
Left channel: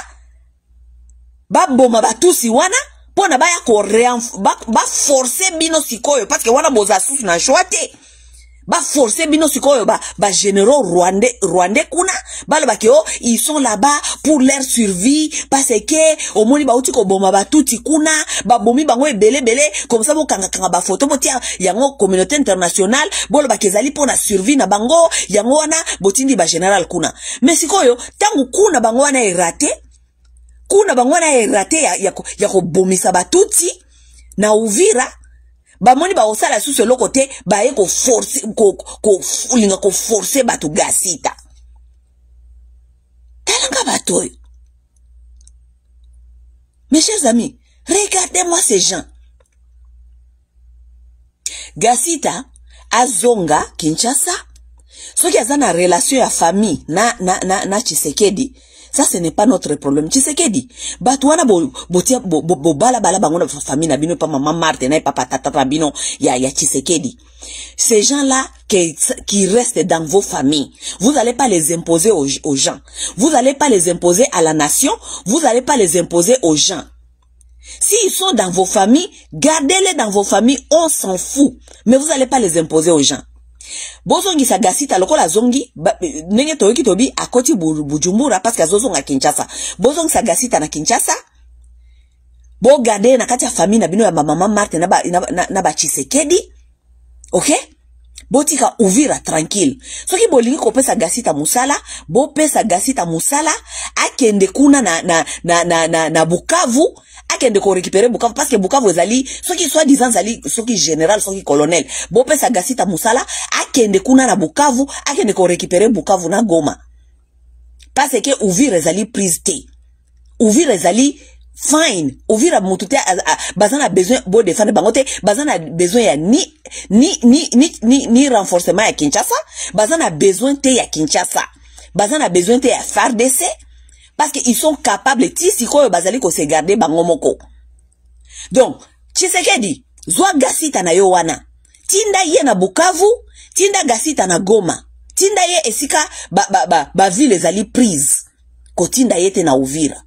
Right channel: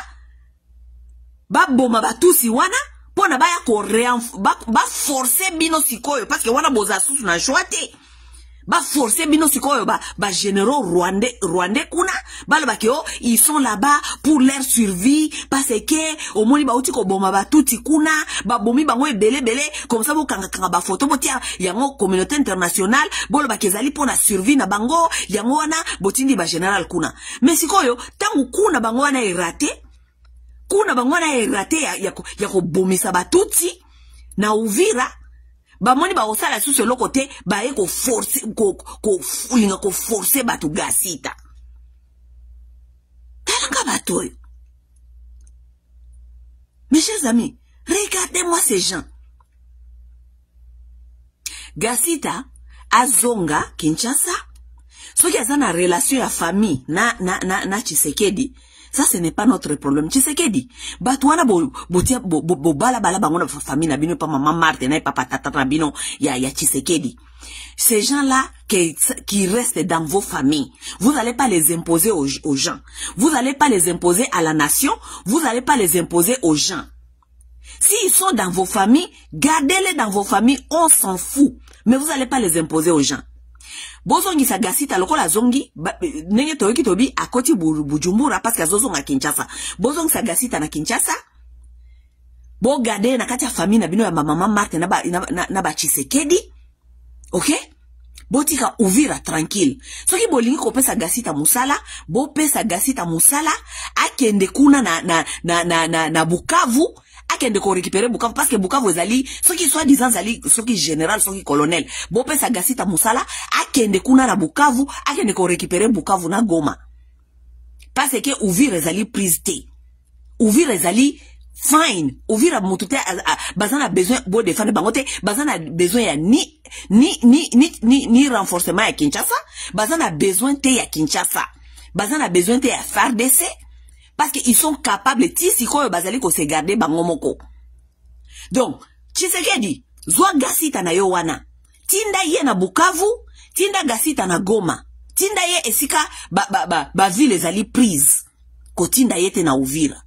ba boma Batutsi wana, pona ba ya ko ba forcer bino sikoyo, parce que wana boza susu na choite. Ba forcer bino sikoyo ba généraux rwandais kuna, ba le bakio, ils sont là-bas pour leur survie, parce que au moni ba uti ko boma Batutsi kuna, ba bomi bango ebele, comme ça bo kanga ba photo botia yango communauté internationale, bo le bakezali pona survie na bango, yango wana botindi ba général kuna. Mais sikoyo, tangu kuna bango wana erate, kuna bangwana erate ya ko bomisa Batutsi na Uvira bamoni ba osala susu lo côté ba e ko forcer ko forcer batu Gasita talanga batoy. Mes chers amis, regardez-moi ces gens. Gasita azonga Kinshasa soki azana relation ya famille na Tshisekedi. Ça, ce n'est pas notre problème. Tshisekedi, batouana bala bango na famille na bino pa maman Marthe na papa tata na bino ya Tshisekedi. Ces gens-là qui restent dans vos familles, vous n'allez pas les imposer aux gens. Vous n'allez pas les imposer à la nation. Vous n'allez pas les imposer aux gens. S'ils sont dans vos familles, gardez-les dans vos familles, on s'en fout. Mais vous n'allez pas les imposer aux gens. Bozongi sa Gasita lokola zongi nenge toyoki tobi akoti Bujumbura parce que azozonga Kinshasa. Bozongi sa Gasita na Kinshasa. Bo gade na kati ya famille na bino ya mama Marthe na ba Tshisekedi. OK? Botika Uvira tranquille. Soki bolingi ko pesa Gasita musala, bo pesa Gasita musala akende kuna na Bukavu. Akende ko récupérer Bukavu parce que Bukavu ezali soki soit disant zali soki général soki colonel bo pesa Gasita musala akende kuna na Bukavu akende ko récupérer Bukavu na Goma parce que Uvira ezali prise te Uvira ezali fine Uvira mutute bazana besoin bo défendre bangote bazana besoin ya ni renforcement ya Kinshasa bazana besoin te ya Kinshasa bazana besoin te ya FARDC. Parce qu'ils sont capables, tisiko bazali ko se garder bangomoko. Donc, Tshisekedi, zwa Gasita na yo wana. Tinda ye na Bukavu, tinda Gasita na Goma. Tinda ye esika ba ville ezali prise. Ko tinda ye te na Uvira.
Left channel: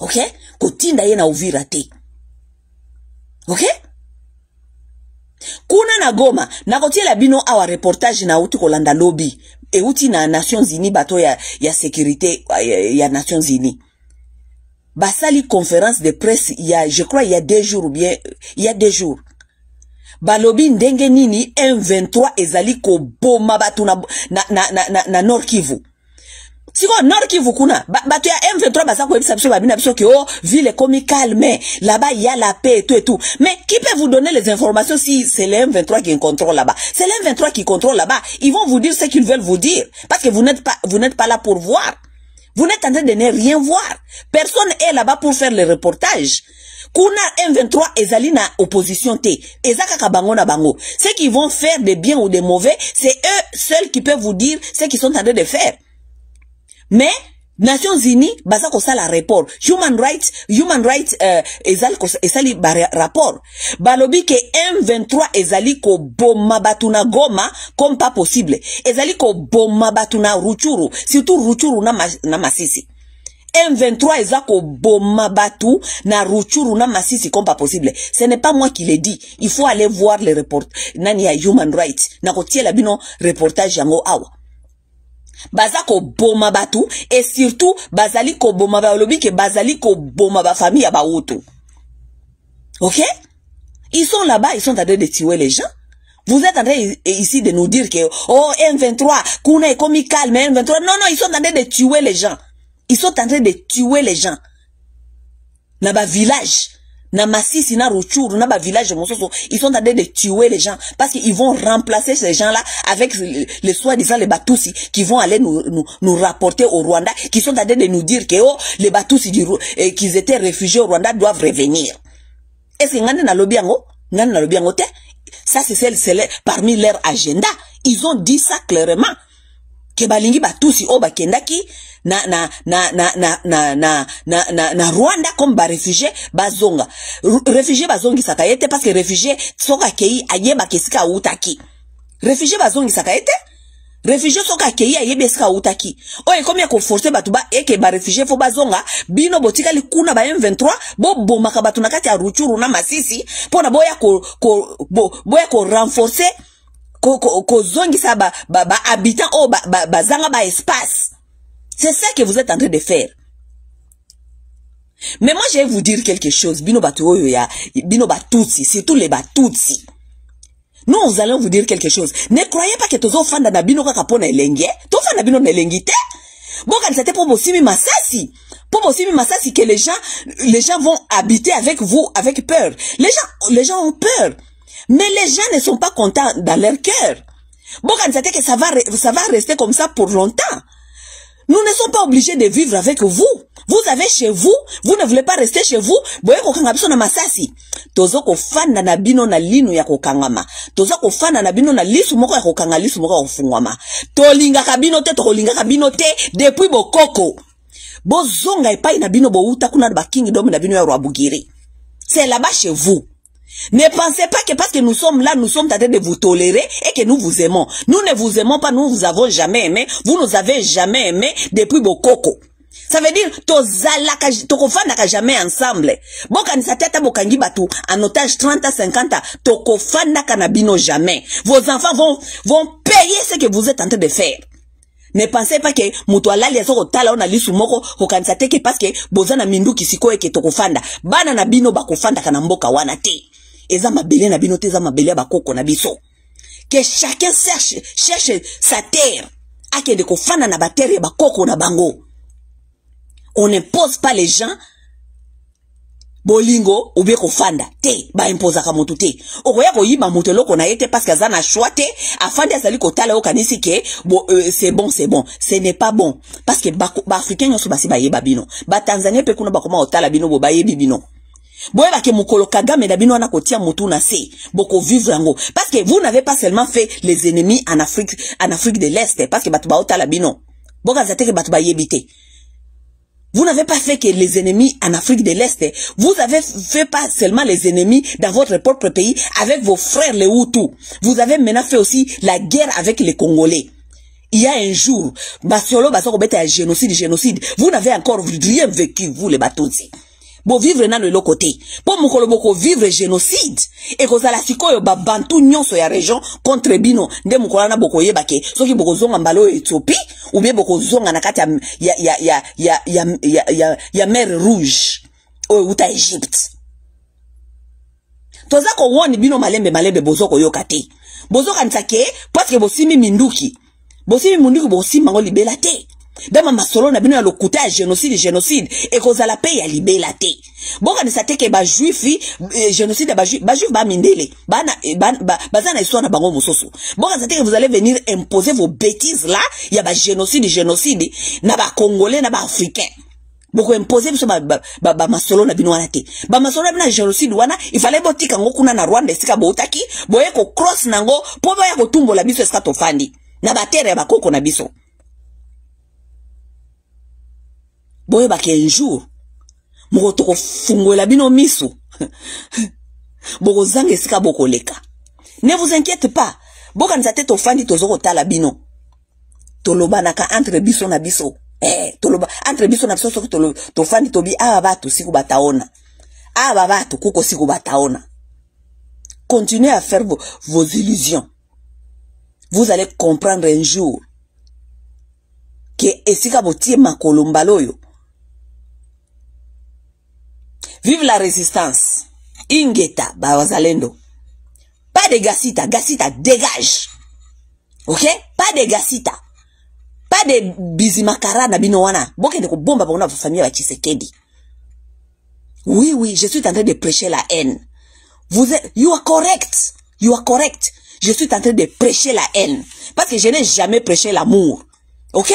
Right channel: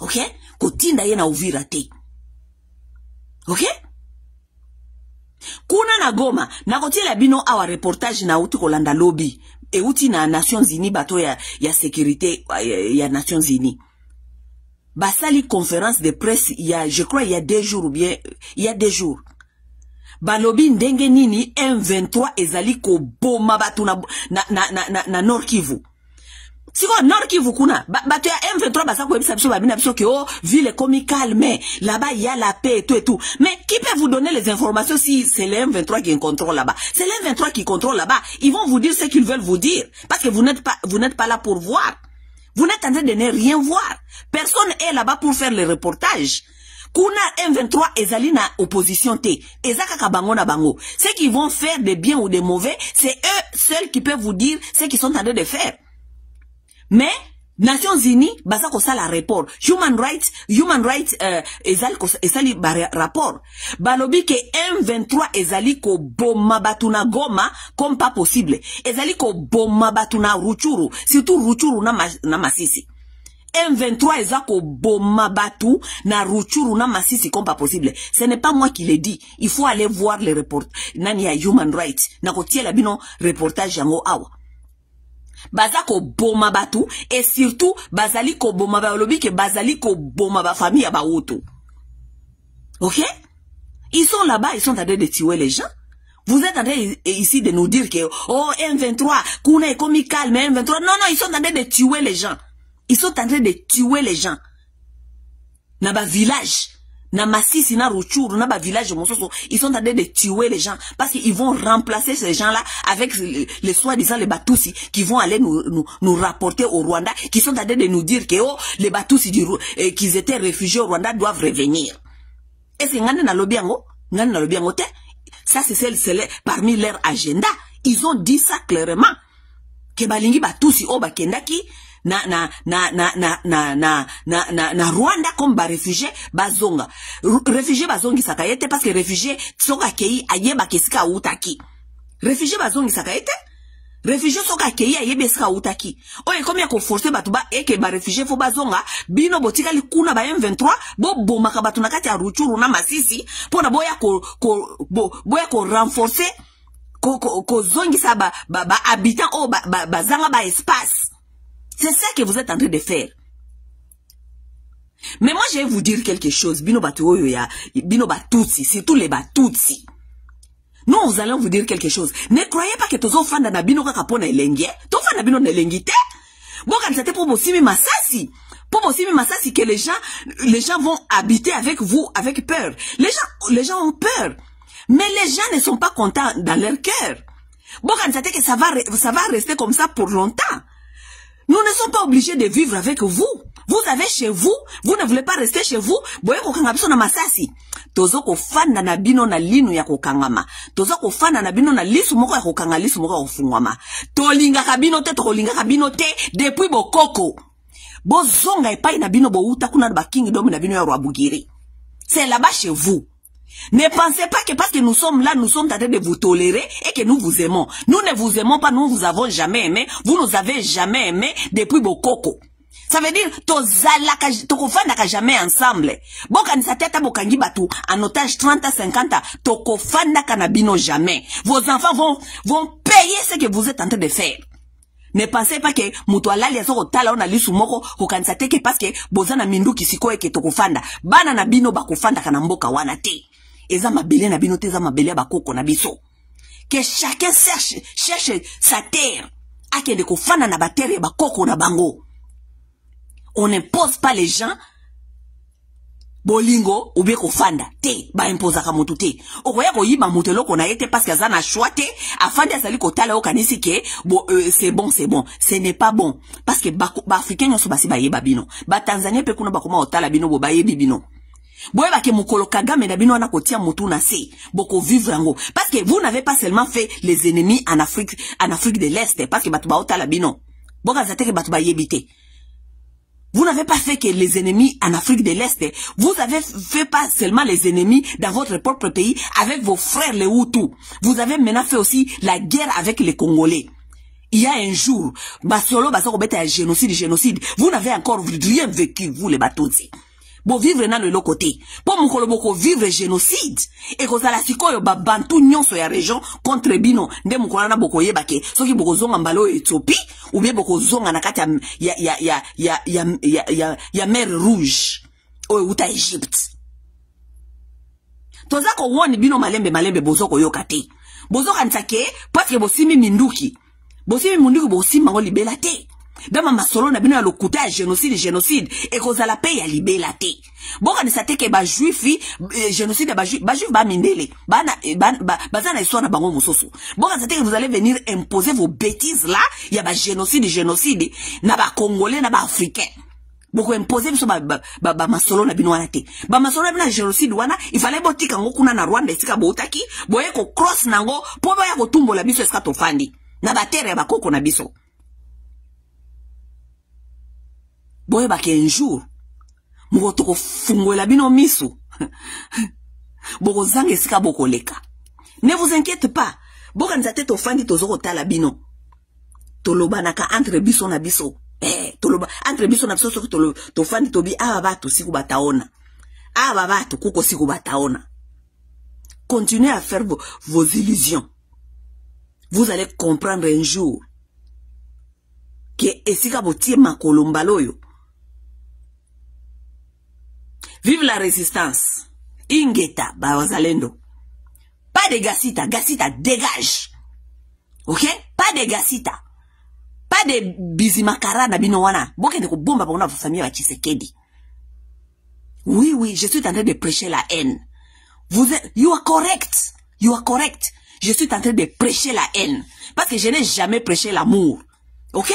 OK? Ko tinda ye na Uvira te. OK? Kuna na Goma, na kotiela bino awa reportage na uti kolanda lobby. Et outi na Nations Unies bato ya sécurité ya Nations Unies. Basali conférence de presse je crois il y a 2 jours ou bien il y a 2 jours. Balobi ndenge nini M23 ezali ko boma batu na Nord Kivu. Siko Nord Kivu kuna bato ya M23 basa ko ebisa biso babina biso que oh ville comme calme là-bas il y a la paix et tout. Mais qui peut vous donner les informations si c'est le M23 qui contrôle là-bas? C'est le M23 qui contrôle là-bas. Ils vont vous dire ce qu'ils veulent vous dire parce que vous n'êtes pas là pour voir. Vous n'êtes en train de ne rien voir. Personne est là-bas pour faire le reportage. Kuna M23 ezali na opposition te. Ezaka kabango na bango. Ceux qui vont faire des biens ou des mauvais, c'est eux seuls qui peuvent vous dire ce qu'ils sont en train de faire. Mais Nations Unies baza ko sala rapport human rights ezali rapport balobi ke M23 ezali ko boma batuna Goma comme pas possible ezali ko boma batuna Ruchuru surtout Ruchuru na Masisi M23 ezako boma batu na Ruchuru na Masisi comme pas possible. Ce n'est pas moi qui le dis. Il faut aller voir les reports nani ya human rights na ko tiela bino reportage yango awa. Bazako boma batu et surtout bazali ko boma ba lobi ke bazali ko boma ba famille ba auto. OK? Ils sont là-bas, ils sont en train de tuer les gens. Vous êtes en train ici de nous dire que oh M23 kuna est comme calme M23. Non, ils sont en train de tuer les gens. Ils sont en train de tuer les gens. Na ba village, na Masisi, na Ruchuru, na ba village Mososo, ils sont en train de tuer les gens parce qu'ils vont remplacer ces gens-là avec les soi-disant les Batusi qui vont aller nous rapporter au Rwanda, qui sont en train de nous dire que oh, les Batusi qu'ils étaient réfugiés au Rwanda doivent revenir. Est-ce que ngane na lobiango? Ngane na lobiango te? Ça c'est parmi leur agenda. Ils ont dit ça clairement. Que balingi Batusi o bakendaki na Rwanda comme ba réfugié bazonga. Réfugié bazongi sakayete parce que réfugié soka kei ayeba kesika utaki. Réfugié bazongi sakayete? Réfugié soka kei ayeba kesika utaki. Oye comme ya ko forcer batu ba eke ba réfugié fo bazonga bino botika likuna ba M23 bo bomaka batu na kati ya Ruchuru na Masisi pona boya ko renforcer ko zongi sa ba habitant o ba zanga ba espace. C'est ça que vous êtes en train de faire. Mais moi, je vais vous dire quelque chose. Bino Batuoyo ya, Bino Batutsi, surtout les Batutsi. Nous allons vous dire quelque chose. Ne croyez pas que tozo fanda na bino kakapona elenge. To fanda bino na elengite. Bon, quand c'était pour Bossimi Massasi. Pour Bossimi Massasi que les gens vont habiter avec vous, avec peur. Les gens ont peur. Mais les gens ne sont pas contents dans leur cœur. Bon, quand c'était que ça va rester comme ça pour longtemps. Nous ne sommes pas obligés de vivre avec vous. Vous avez chez vous. Vous ne voulez pas rester chez vous. Boye kokanga biso na Masasi. Tozo ko fanda na bino na lino ya kokangama. Tozo ko fanda na bino na lisu moko ya kokanga lisu moko ya kofungwama. Tolinga kabino te, tolinga kabino te depuis bokoko. Bozonga epai na bino bouta kuna ba kingdom na bino ya Rwabugiri. C'est là-bas chez vous. Ne pensez pas que parce que nous sommes là, nous sommes en train de vous tolérer et que nous vous aimons. Nous ne vous aimons pas, nous vous avons jamais aimé. Vous nous avez jamais aimé depuis Bokoko. Ça veut dire, tokofanda jamais ensemble. Bon, quand ça tête bokangi batu, en otage 30 à 50 ans, tokofanda kanabino jamais. Vos enfants vont payer ce que vous êtes en train de faire. Ne pensez pas que mutuala liazo kotala ona lisu moko kokanisa teke parce que bozana mindu kisiko eke tokofanda. Bana na bino bakofanda kana mboka wana te. Eza mabele na bino te, eza mabele ya bakoko na biso. Que chacun cherche sa terre. Ake de kofanda na ba terre ya bakoko na bango. On n'impose pas les gens bolingo ou bien kofanda te ba imposa ka mutu te. Okoya ko yiba mutu loko na yete parce que za na choix te afandi asali kotala okanisi ke c'est bon. Ce n'est pas bon parce que ba africain nyoso basi ba yeba bino. Ba Tanzania pe kuna ba koma otala bino bo ba yebi bino. Boye ba ke mukolo Kagame na bino na kotia mutu na se boko vivre yango parce que vous n'avez pas seulement fait les ennemis en Afrique de l'Est parce que batu ba otala bino. Boka zateke batu ba yebite. Vous n'avez pas fait que les ennemis en Afrique de l'Est. Vous avez fait pas seulement les ennemis dans votre propre pays avec vos frères les Hutus. Vous avez maintenant fait aussi la guerre avec les Congolais. Il y a un jour, Basiolo Basoko bête un génocide. Vous n'avez encore rien vécu, vous les Batutsi. Bo vivre dans le l'autre côté. Pour mukolo boko vivre génocide. Et que ça la sikoyo ba bantu nyonso ya région contre bino. Nde mukola na boko yebake. Soki boko zonga mbalo Éthiopie. Ou bien boko zonga na kati ya mer rouge. Ou uta Égypte. Toza ko woni bino malembe bozoko yokate. Bozoka nsake parce que bosimi minduki. Bosimi minduki bosimi mango libela te. Dama masolo na bino ya lokuta ya génocide et koza la paix ya libela te. Boka ni sateke ba juifi génocide ba juif ba mindele. Bazana histoire na bango musoso. Boka sateke vous allez venir imposer vos bêtises là, ya ba génocide na ba congolais na ba africain. Boko imposer biso ba masolo na bino wana te. Ba masolo na génocide wana, il fallait botika ngo kuna na Rwanda esika botaki, boye ko cross nango po ba ya ko tumbola biso esika tofandi. Na ba terre ya bakoko na biso. Boye ba un jour moko toko fungola bino miso boko zange sika boko leka. Ne vous inquiétez pas. Boka nzate to fandi to zoko tala bino. Toloba naka entre biso na biso. Toloba entre biso na biso to fandi to bi batu siku bataona. Batu kuko siku bataona. Continuez à faire vos illusions. Vous allez comprendre un jour que esika botie makolo mbaloyo. Vive la résistance. Ingeta, Bawazalendo. Pas de Gassita. Gassita, dégage. Ok? Pas de Gassita. Pas de Bizimakara na binowana. Boke de ko bomba pour notre famille à Tshisekedi. Oui, oui, je suis en train de prêcher la haine. You are correct. You are correct. Je suis en train de prêcher la haine. Parce que je n'ai jamais prêché l'amour. Ok?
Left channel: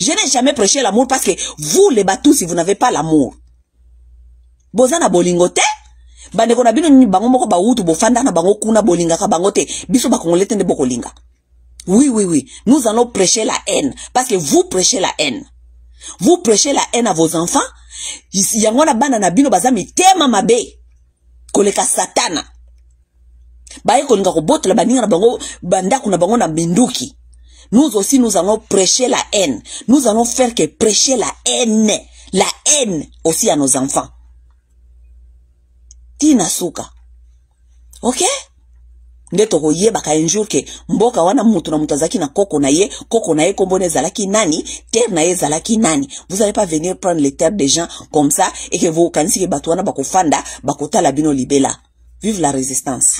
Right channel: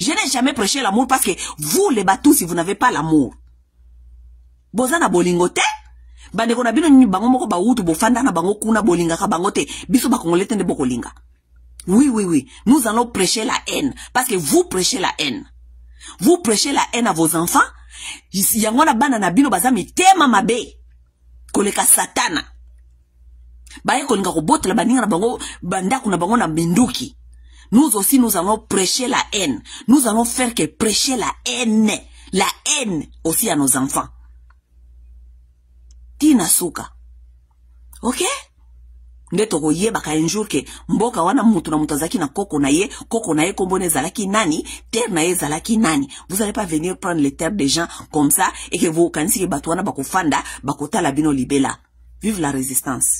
Je n'ai jamais prêché l'amour parce que vous, les Batous, si vous n'avez pas l'amour. Bozana bolingote? Bandeko na bino bango moko ba utu bofanda na bango kuna bolinga ka bangote. Biso ba kongolete nde bokolinga. Oui, oui, oui. Nous allons prêcher la haine. Parce que vous prêchez la haine. Vous prêchez la haine à vos enfants. Yangwana bana na bino bazami tema mabe. Koleka satana. Baye kolinga kobote la baninga na bango bandaku na bango na binduki. Nous aussi nous allons prêcher la haine. Nous allons faire que prêcher la haine. La haine aussi à nos enfants. Tina suka. Ok? Ndeto ko yeba ka un jour ke mboka wana mutu na mutazaki na koko na ye kombone zalaki nani, terre na ye zalaki nani. Vous allez pas venir prendre les terres des gens comme ça et que vous kanisi ke batu wana bakofanda bakota la bino libela. Vive la résistance.